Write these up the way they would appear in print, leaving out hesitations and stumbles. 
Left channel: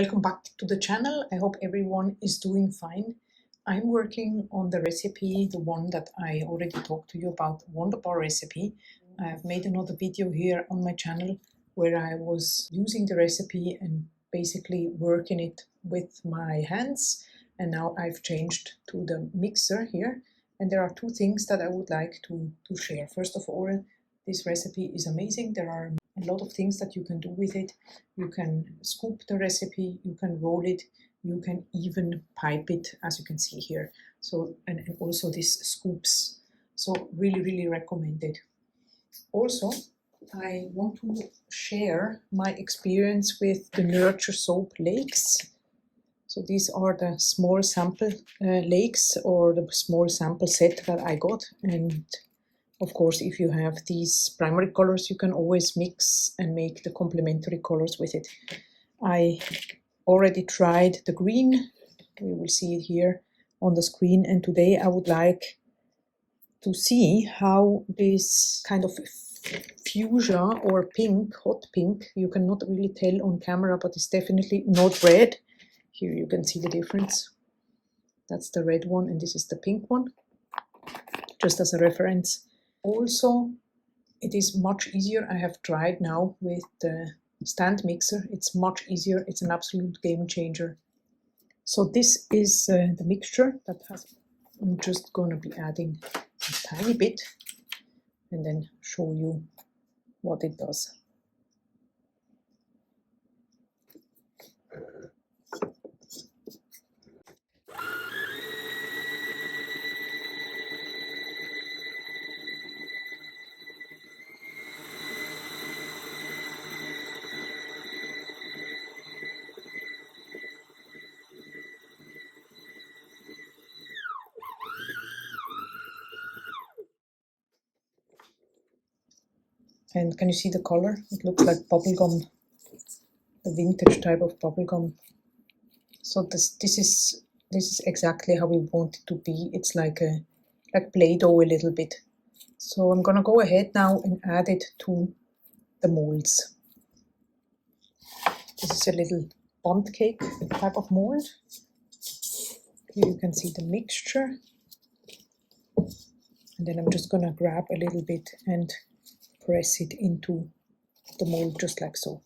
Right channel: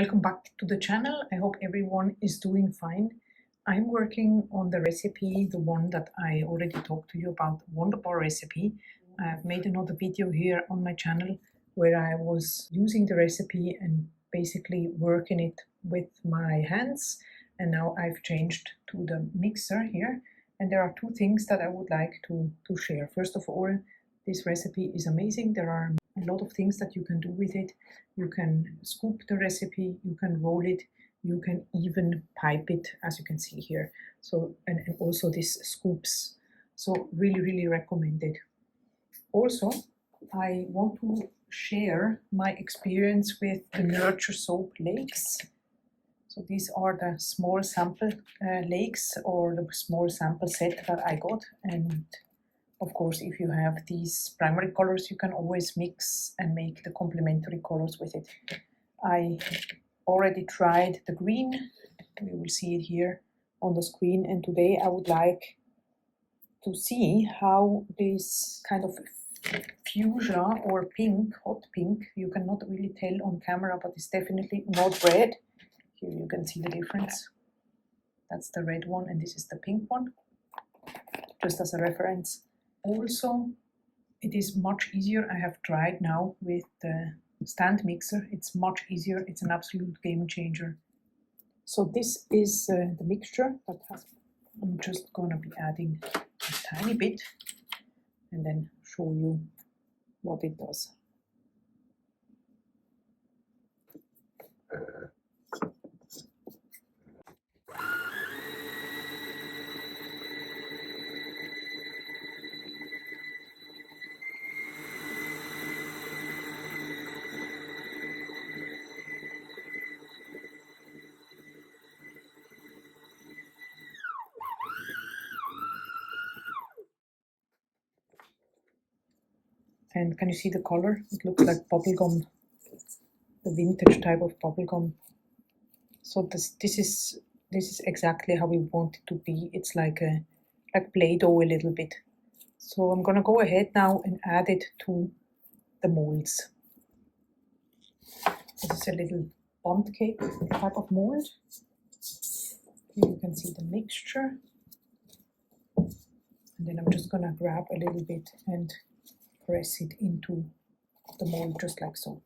Welcome back to the channel. I hope everyone is doing fine. I'm working on the recipe, the one that I already talked to you about, Wonder Bar recipe. I've made another video here on my channel where I was using the recipe and basically working it with my hands. And now I've changed to the mixer here. And there are two things that I would like to share. First of all, this recipe is amazing. There are a lot of things that you can do with it. You can scoop the recipe, you can roll it, you can even pipe it, as you can see here. So, and also this scoops. So really recommended. Also, I want to share my experience with the Nurture Soap Lakes. So these are the small sample lakes, or the small sample set that I got. And of course, if you have these primary colors, you can always mix and make the complementary colors with it. I already tried the green. You will see it here on the screen. And today I would like to see how this kind of fuchsia or pink, hot pink, you cannot really tell on camera, but it's definitely not red. Here you can see the difference. That's the red one, and this is the pink one, just as a reference. Also, it is much easier. I have tried now with the stand mixer. It's much easier. It's an absolute game changer. So this is the mixture that I'm just going to be adding a tiny bit and then show you what it does. And can you see the color? It looks like bubblegum, the vintage type of bubblegum. So this is exactly how we want it to be. It's like Play-Doh a little bit. So I'm gonna go ahead now and add it to the molds. This is a little bundt cake type of mold. Here you can see the mixture. And then I'm just gonna grab a little bit and press it into the mold just like so.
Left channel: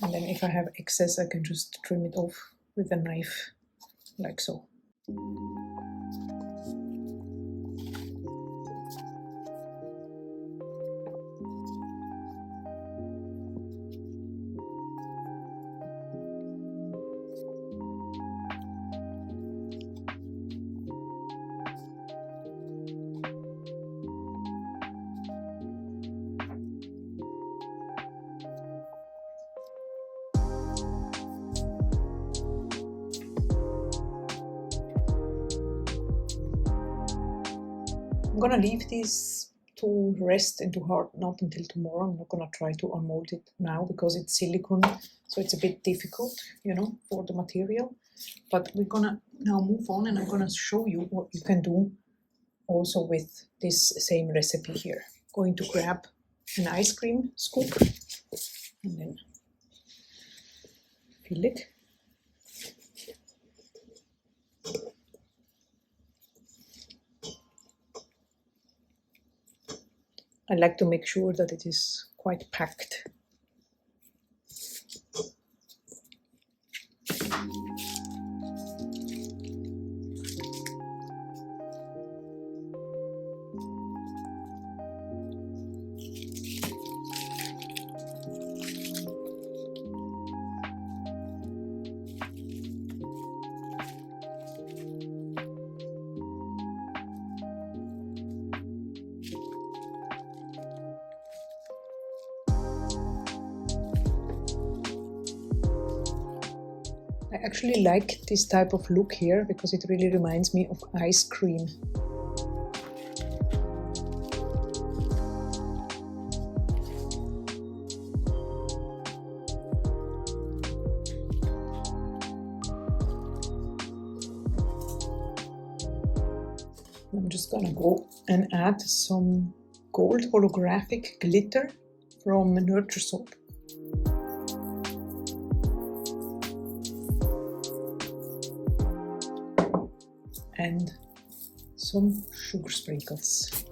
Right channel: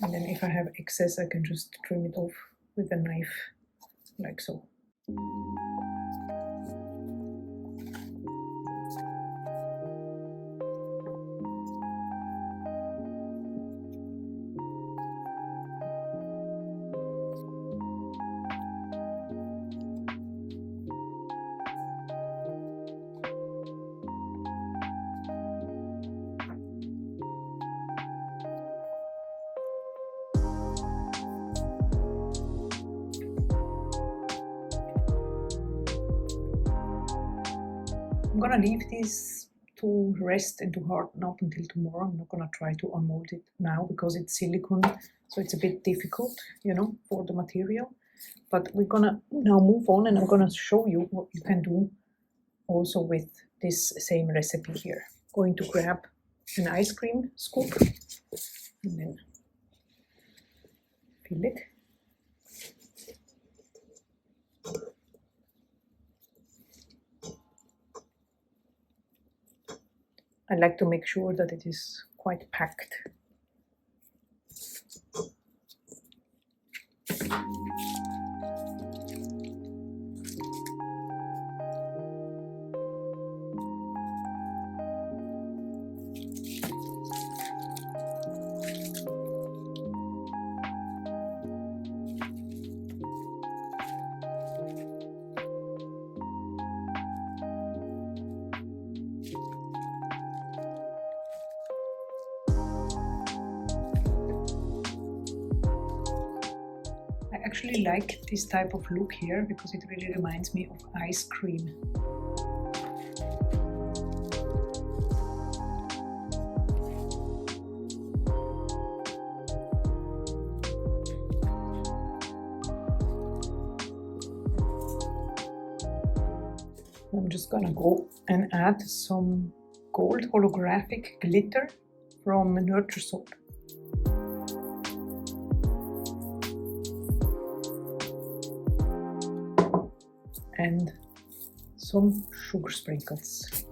And then if I have excess, I can just trim it off with a knife like so. I'm gonna leave this to rest and to harden up until tomorrow. I'm not gonna try to unmold it now because it's silicone, so it's a bit difficult, you know, for the material. But we're gonna now move on, and I'm gonna show you what you can do also with this same recipe here. Going to grab an ice cream scoop and then fill it. I like to make sure that it is quite packed. I actually like this type of look here because it really reminds me of ice cream. I'm just gonna go and add some gold holographic glitter from Nurture Soap. and some sugar sprinkles.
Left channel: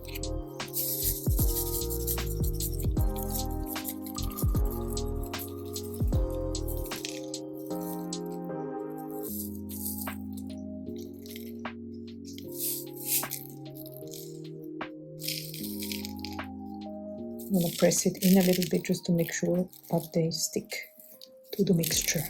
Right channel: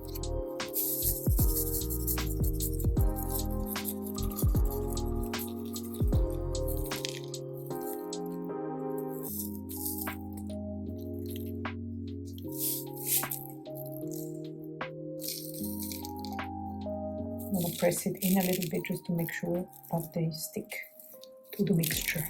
I'm going to press it in a little bit just to make sure that they stick to the mixture.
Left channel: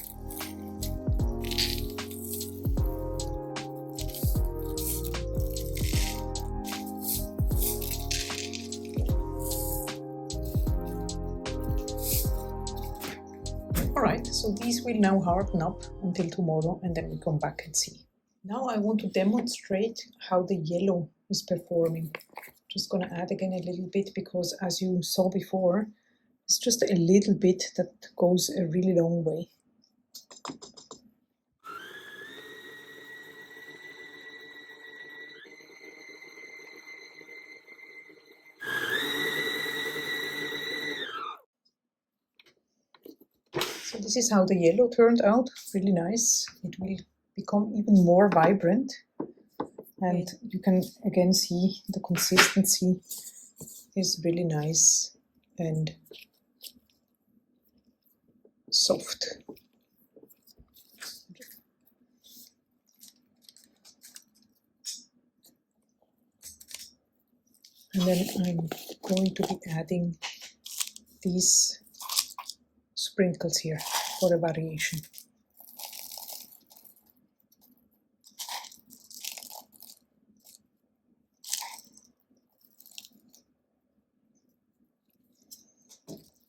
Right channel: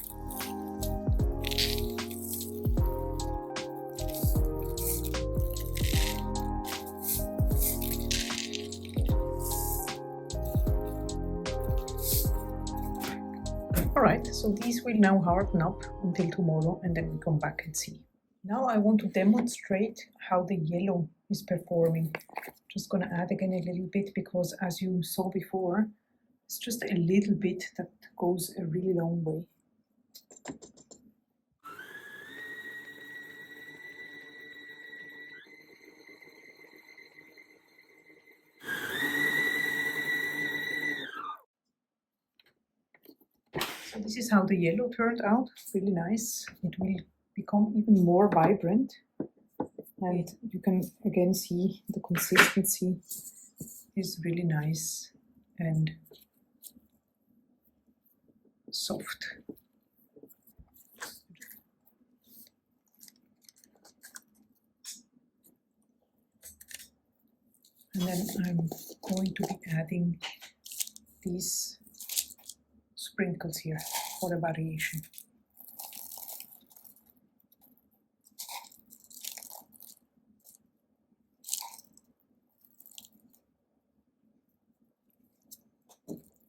Alright, so these will now harden up until tomorrow and then we come back and see. Now I want to demonstrate how the yellow is performing. Just going to add again a little bit because as you saw before, it's just a little bit that goes a really long way. So this is how the yellow turned out, really nice. It will become even more vibrant. And you can again see the consistency is really nice and soft. And then I'm going to be adding these sprinkles here for a variation.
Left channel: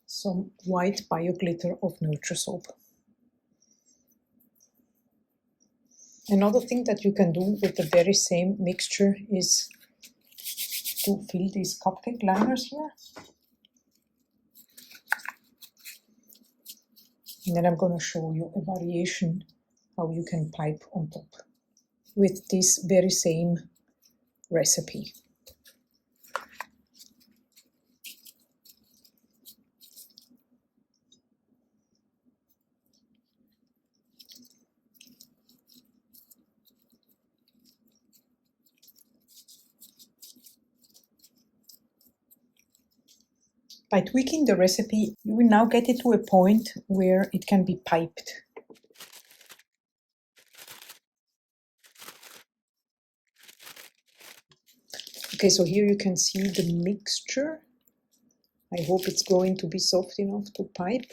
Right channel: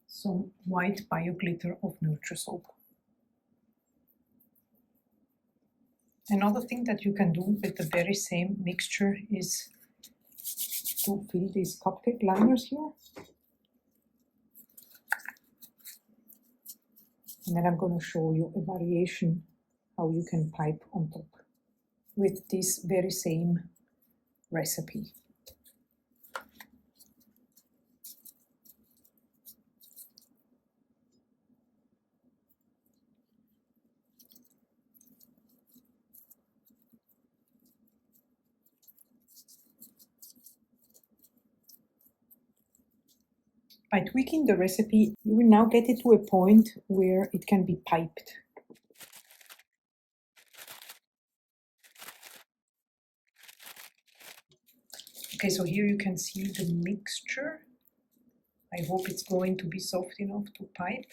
Some white bio glitter of Nurture Soap. Another thing that you can do with the very same mixture is to fill these cupcake liners here. And then I'm going to show you a variation how you can pipe on top with this very same recipe. By tweaking the recipe, you will now get it to a point where it can be piped. Okay, so here you can see the mixture. I hope it's going to be soft enough to pipe.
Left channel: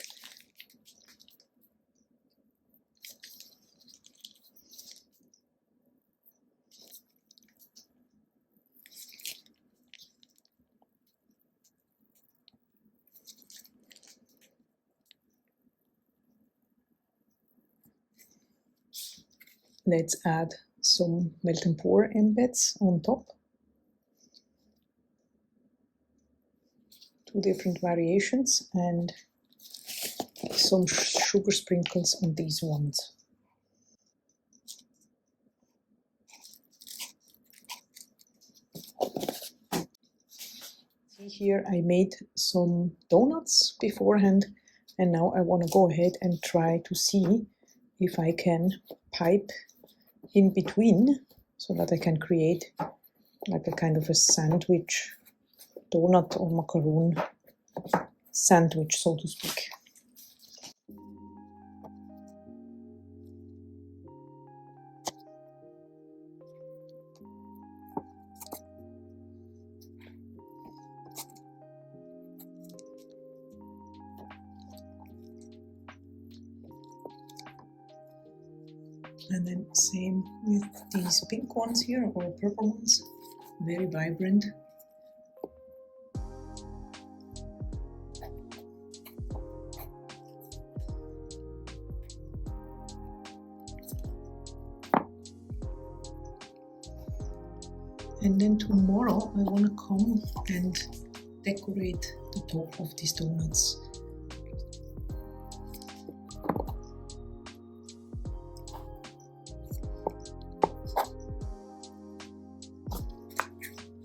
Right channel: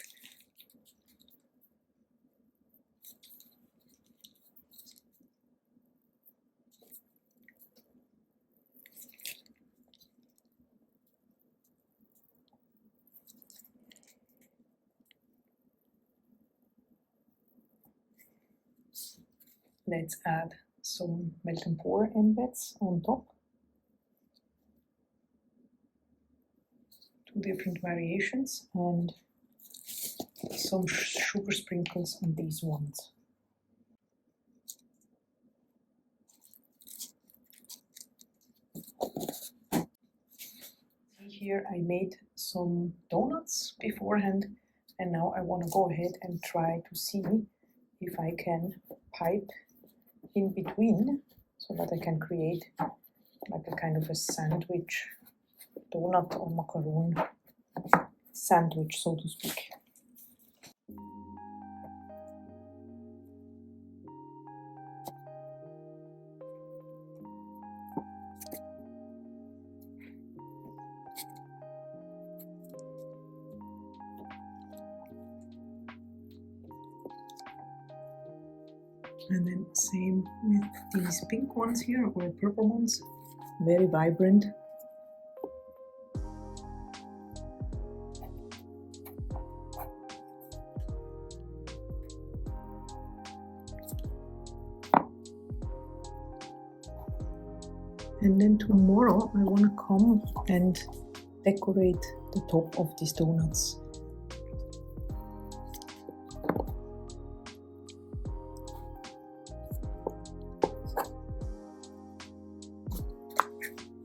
Let's add some melt and pour embeds on top. Two different variations and some sugar sprinkles on these ones. See here I made some donuts beforehand and now I want to go ahead and try to see if I can pipe in between so that I can create like a kind of a sandwich, donut or macaroon sandwich, so to speak. And then same with these pink ones here, or purple ones, very vibrant. And then tomorrow I want to come and decorate the top of these donuts.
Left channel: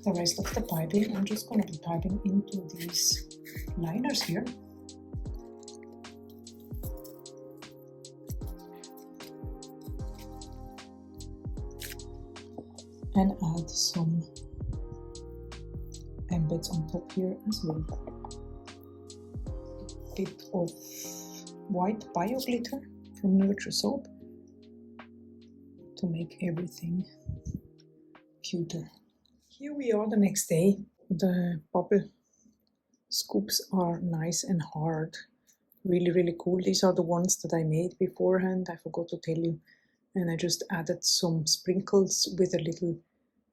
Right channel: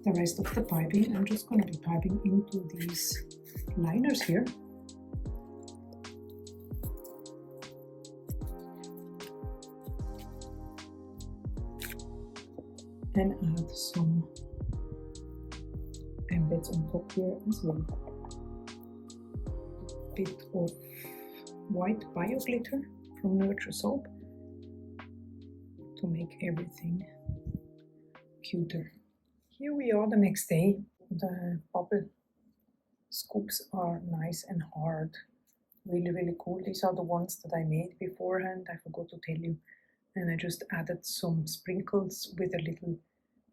The rest of the piping, I'm just going to be piping into these liners here. and add some embeds on top here as well. A bit of white bio glitter from Nurture Soap to make everything cuter. Here we are the next day. The bubble scoops are nice and hard. Really cool. These are the ones that I made beforehand. I forgot to tell you. And I just added some sprinkles with a little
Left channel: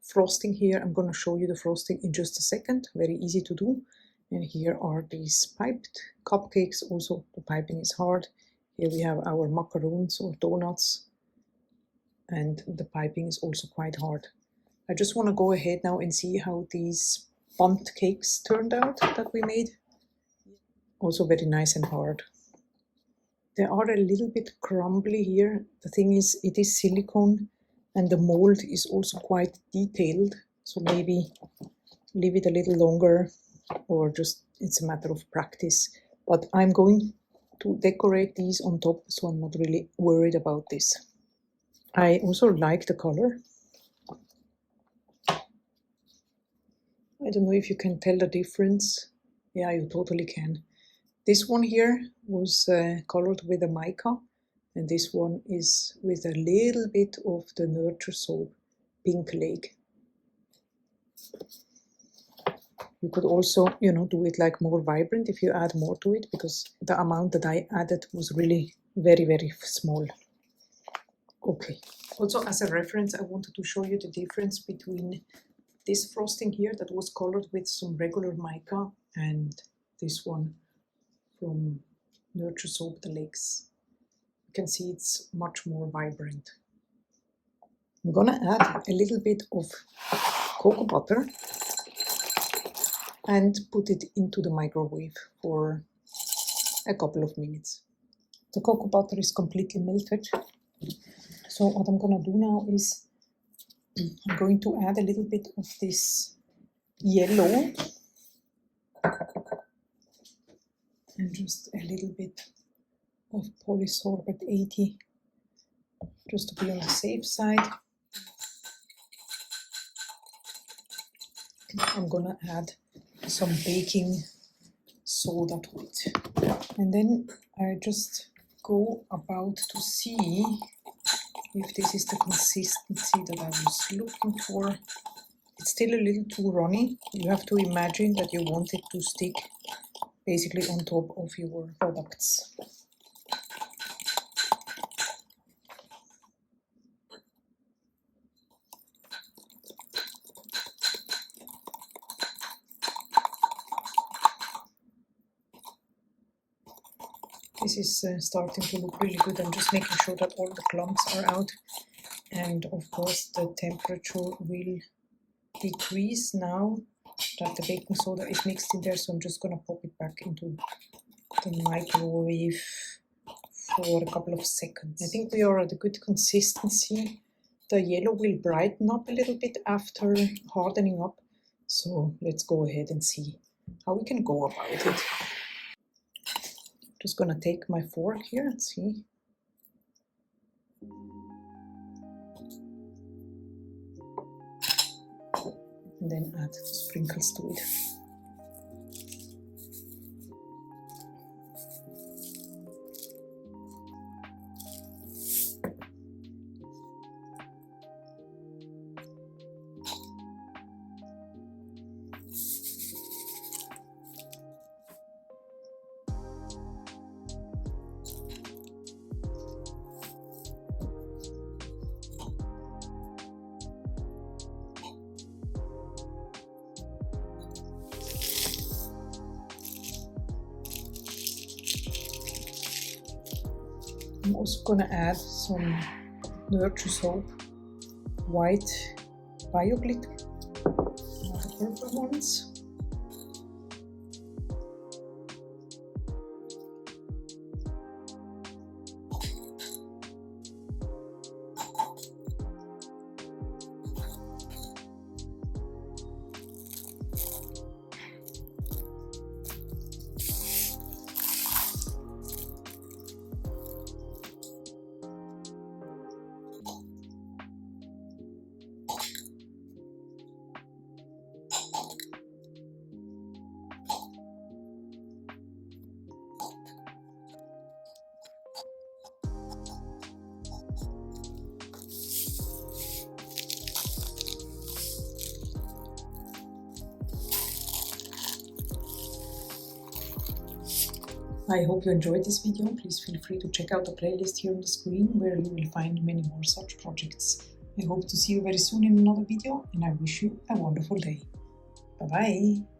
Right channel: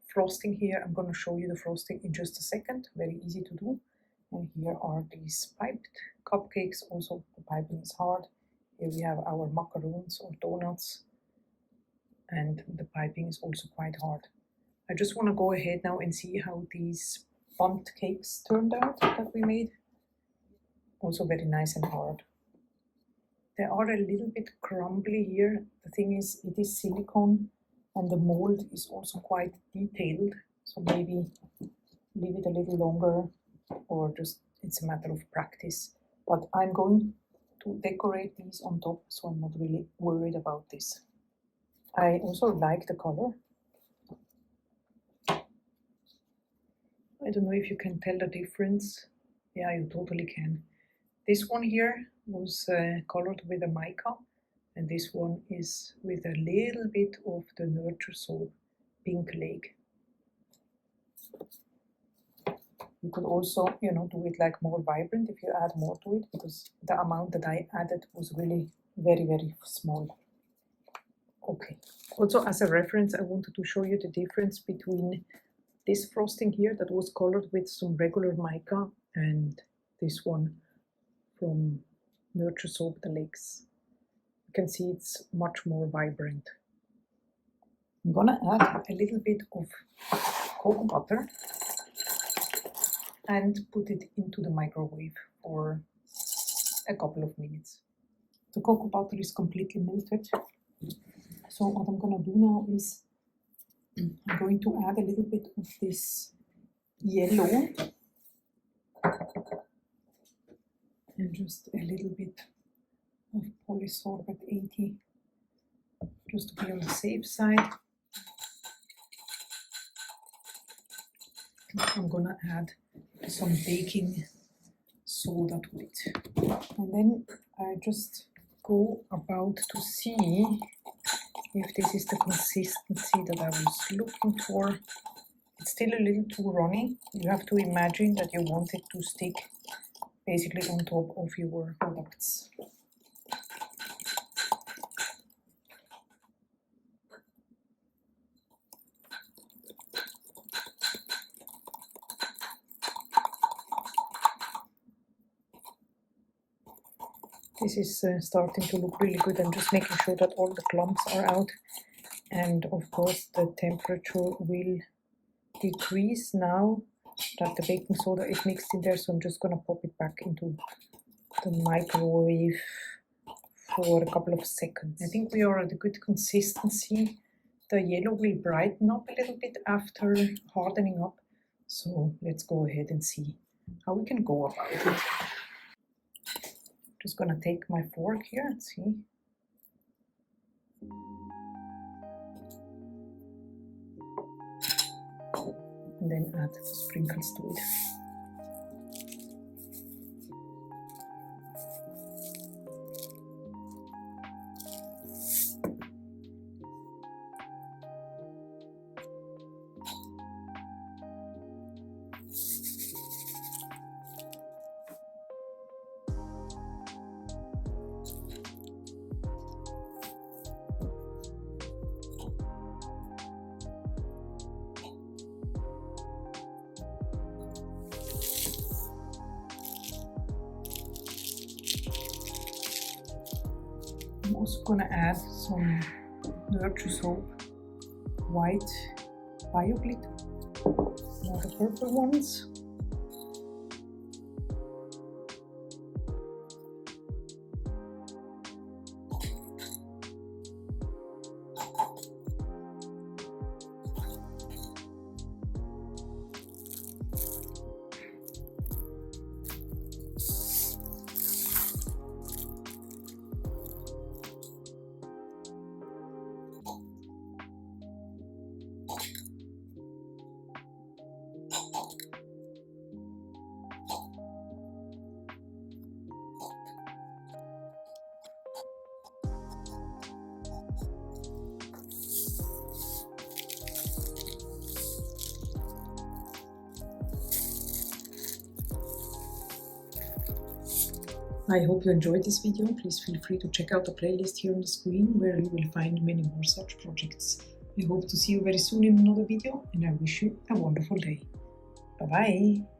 frosting here. I'm going to show you the frosting in just a second. Very easy to do. And here are these piped cupcakes. Also, the piping is hard. Here we have our macaroons or donuts. And the piping is also quite hard. I just want to go ahead now and see how these bundt cakes turned out that we made. Also very nice and hard. They are a little bit crumbly here. The thing is, it is silicone and the mold is also quite detailed. So maybe leave it a little longer, or just it's a matter of practice. But I'm going to decorate these on top, so I'm not really worried about this. I also like the color. I don't know if you can tell the difference. Yeah, you totally can. This one here was colored with a mica, and this one is with a little bit of the Nurture Soap Pink Lake. You could also, do it like more vibrant if you add more to it, because the amount that I added was really very small. Okay. Also, as a reference, I wanted to show you the difference between this frosting here that was colored with some regular mica and this one from Nurture Soap the Lakes. You can see it's much more vibrant. I'm gonna add a little bit of cocoa butter and put it into the microwave for a couple of minutes. The cocoa butter is completely melted. So what I'm gonna do now is I'm going to add a little bit of this yellow and just a little bit of polysorbate 80 just to be on the safe side. I'm gonna add some baking soda to it, and then I just go about to see if this is the consistency that I was looking for. It's still a little too runny. You have to imagine that you want it to stick basically on top of your products. This is starting to look really good. I'm just making sure that all the clumps are out. And of course the temperature will decrease now that the baking soda is mixed in there. So I'm just going to pop it back into the microwave for a couple of seconds. I think we are at a good consistency. The yellow will brighten up a little bit after hardening up. So let's go ahead and see how we can go about it. Just gonna take my fork here and see. And then add sprinkles to it. I'm also gonna add some Nurture Soap white bio glitter, not the purple ones. I hope you enjoyed this video. Please feel free to check out the playlist here on the screen where you will find many more such projects. I hope to see you very soon in another video, and I wish you a wonderful day. Bye bye!